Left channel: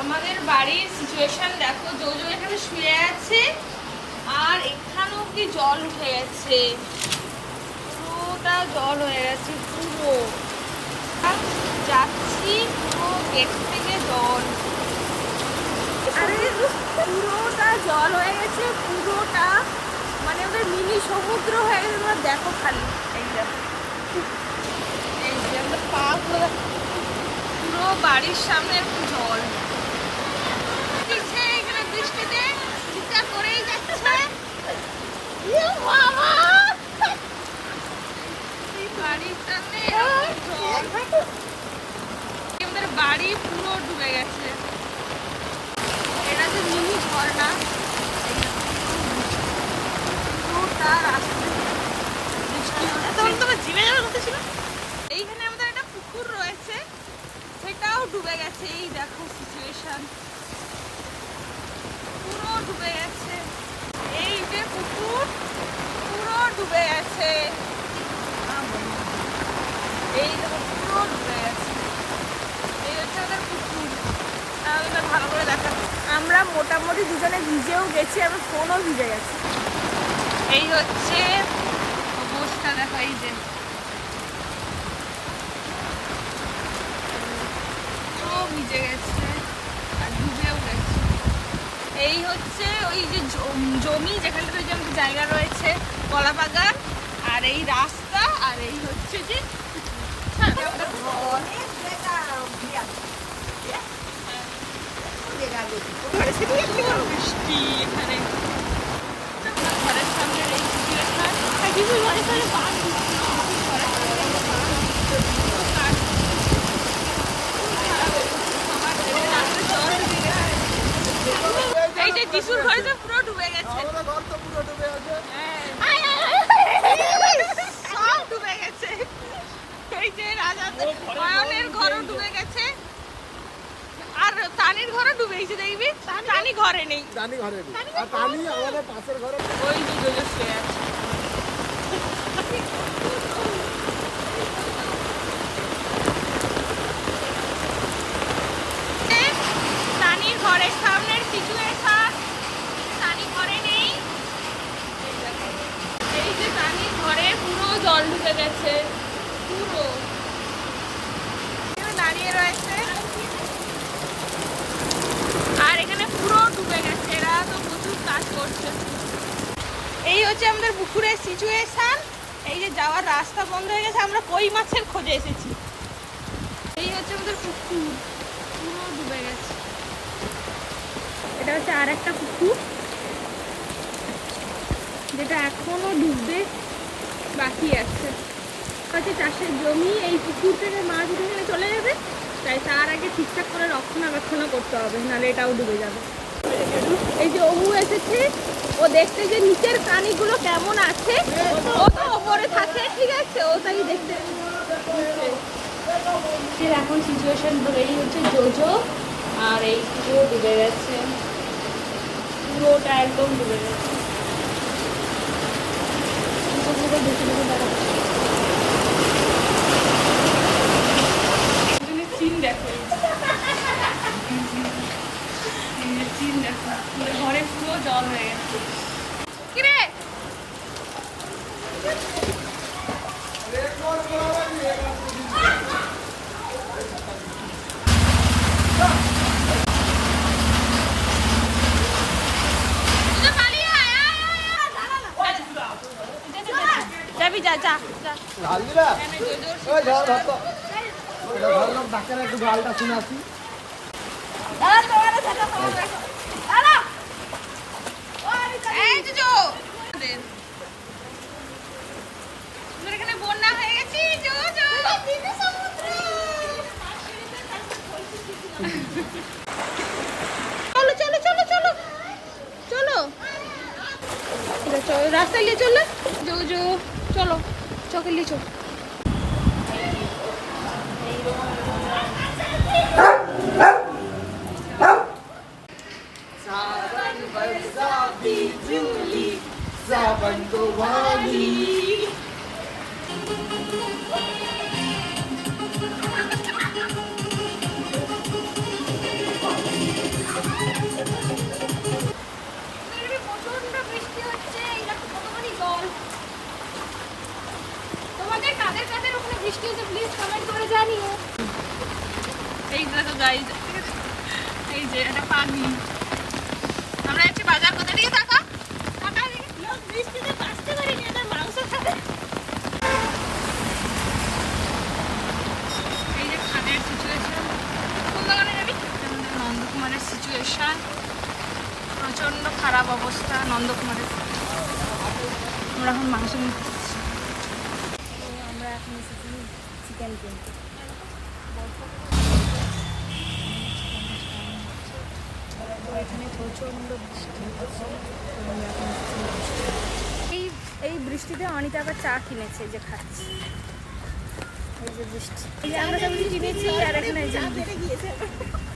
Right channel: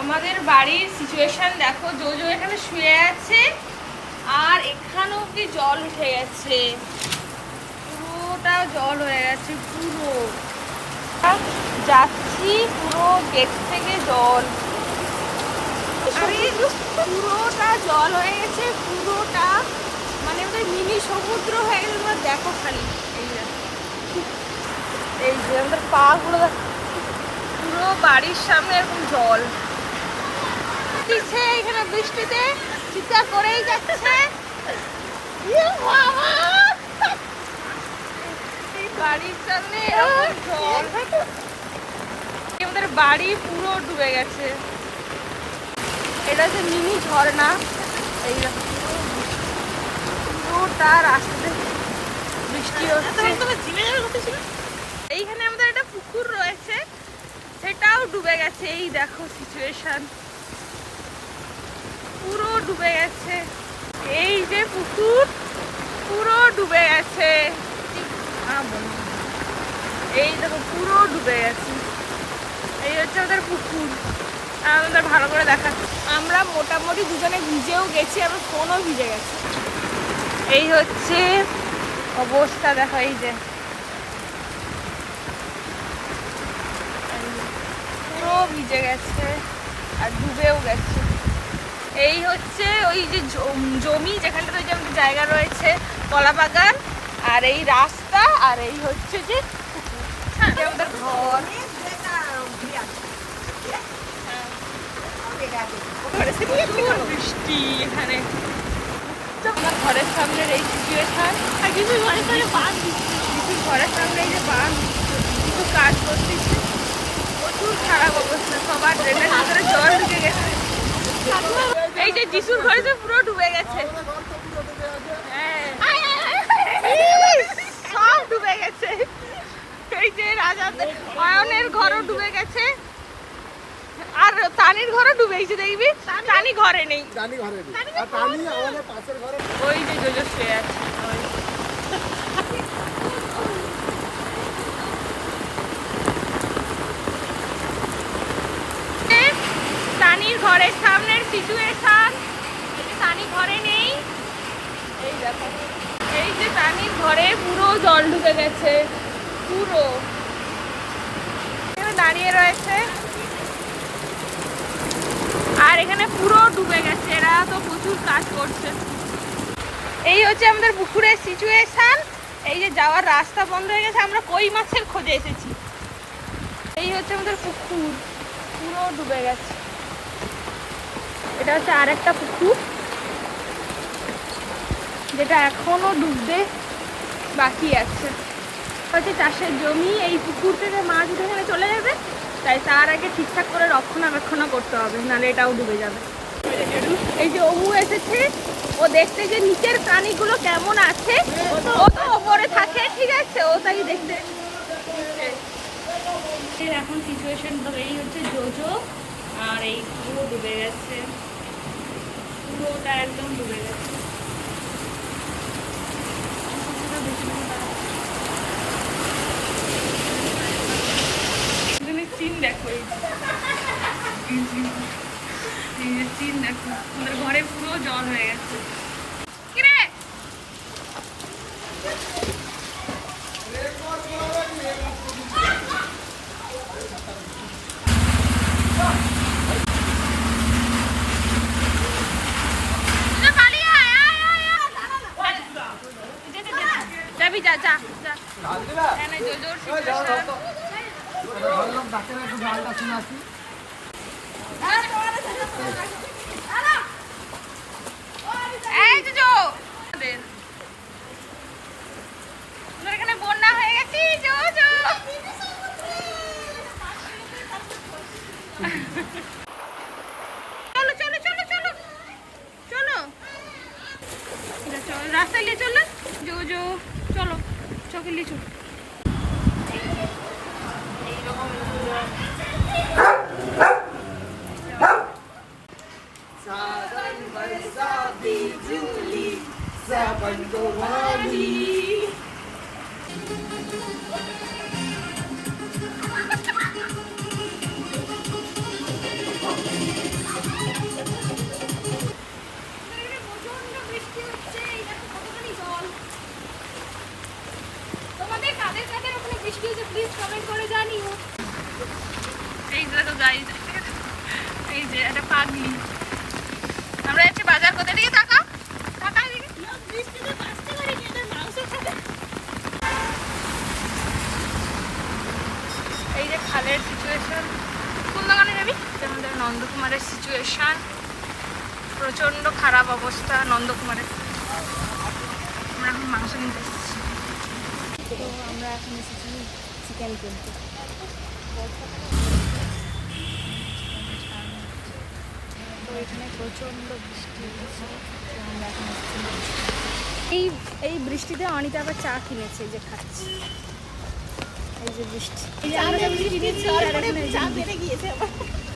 আমাদের বাড়ির সিচুয়েশন দেখো, জোজো এখানে শুয়ে আছে আর এখানে অব্দি জল উঠে গেছে, পুরোটা জল হয়ে গেছে পুরো। যাচ্ছি পুরো গেট থেকে জল, আরে পুরোটা জল হয়ে গেছে পুরোটা, মানে ওদের মিনি সমুদ্র হয়ে গেছে। তোমার দেখো খালি এই দেখো, এই যে আমাদের পা গুলো দেখো, পুরো বাড়ির সামনে এরকম জল দিচ্ছে। এখানে বৃষ্টিতে চিৎকার করেই যাচ্ছে, বাড়ির সামনে এরকম জল, আমাদের বাড়ি পুরো ডুবে গেছে। এটা হচ্ছে মিনি ঝর্ণা, এই পুরোটা রাস্তাতে বৃষ্টি হচ্ছে। এইখানে আমাদের একটা পুকুর রয়েছে, সেটাও ডুবে গেছে। এই দেখো সিচুয়েশন, পুরো ডুবে গেছে। এই যে পুকুর পুরো ডুবে গেছে, এই দেখো পুরো ডুবে গেছে। এই হচ্ছে ওদের পুকুর, আমাদের ভালো করে দেখা। আমরা মোটামুটি দুজনে ভিজেও গেছি, আমার ফোনও ভিজে গেছে। এই হচ্ছে অবস্থা দেখো, এই যে পুরো ভিজে গেছে আর ডুবেও গেছে। এই হচ্ছে ওই যে জমি যেখানটাতে যে আমাদের জায়গা রয়েছে, কলা বাগান, আর এই রাস্তা, আর এই হচ্ছে যে আমাদের ঘর। বৃষ্টি এখানে ঘরের সামনের এই সিচুয়েশন, ঘরের সামনে এই যে বাঁধ খুব কাজ করতেছে, প্রচুর খারাপ অবস্থা, সবার ড্রেনের ভিতরে জল ঢুকে গেছে। এই যে যিশুর ঘরে তো পুরো ডুবে গেছে, সব ডুবে গেছে। এই যে রাজা অয়নের ঘরও ডুবে গেছে, আর তানির ঘরও ডুবেছে। দেখবি তানি ঘরে নেই, ওই যে জোজো শুয়ে আছে। তানির ঘরের সামনের সিচুয়েশন, তানি ঘরে নেই। এই দেখো, এই যে তানির ঘরে পুরো জল ঢুকে গেছে, পুরো দাঁড়িয়ে রয়েছে, আর এখানে পুরো ডুবে গেছে। এরা তো প্রচুর কাজ করছে। এই হচ্ছে আমাদের পুকুরের সিচুয়েশন। এই যে যাওয়ার রাস্তা বন্ধ হয়ে গেছে, আমরা কই মাছের খোঁজে এসেছি। এই হচ্ছে আমাদের পুকুর, পুরো ডুবে গেছে। এটা হচ্ছে আর একটা পুকুর, যেটা এখনো ডুবতে বাকি আছে। হচ্ছে চাষের জমি, এই পুকুর থেকে মাছ উঠে এখানে চলে যাবে, তাই তার আগে ঠিকঠাক করে রক্ষণাবেক্ষণ করতে হবে, নাহলে এটাও ডুবে যাবে। এই যে অমু এসেছে, ও দেখতে যে নিচের প্রাণীগুলো কেমন আছে, ও তো ওপরে থাকে, ঠিক আছে, ও তাই দেখতে। এখন সিচুয়েশন এই হচ্ছে জোজো, আর এই পুরো ডুবে গেছে, পুরোটা একদম ডুবে গেছে। চিন দেখো, চিন দেখো, ঘরে পুরো জল হয়ে গেছে। কিরে যাবি, যা যা যা। এখানে বন্যা হয়ে গেছে, চলো চলো চলো চলো চলো, চলো রাস্তায় নিয়ে চললে জো চলো, চোখে নিয়ে চলো। Saban Gowali. খালি। আমরা যাচ্ছি বাজার, কোথা দিকে টাকা টাকা বৃষ্টিতে কাজতে পারি মাংস খাবে। এই যে খালের সিচুয়েশন। কোন দোকানে যাবি? আমাদের নন্দকুমারের সিচুয়েশন প্রচন্ড খারাপ অবস্থা নন্দকুমারের। আমরা এখন মাংস নিতে এসেছি। তো আমরা এখন এসেছি চিকেন কিনতে। তো এখানে প্রচন্ড বৃষ্টি হচ্ছে, তো আমরা এখন এসেছি মাংস। এই বৃষ্টিতে অনিতা আবার চা কিনেছে, যে খাচ্ছি। এই যে বৃষ্টি, এই যে আমরা সব কিনেছি আর এখানে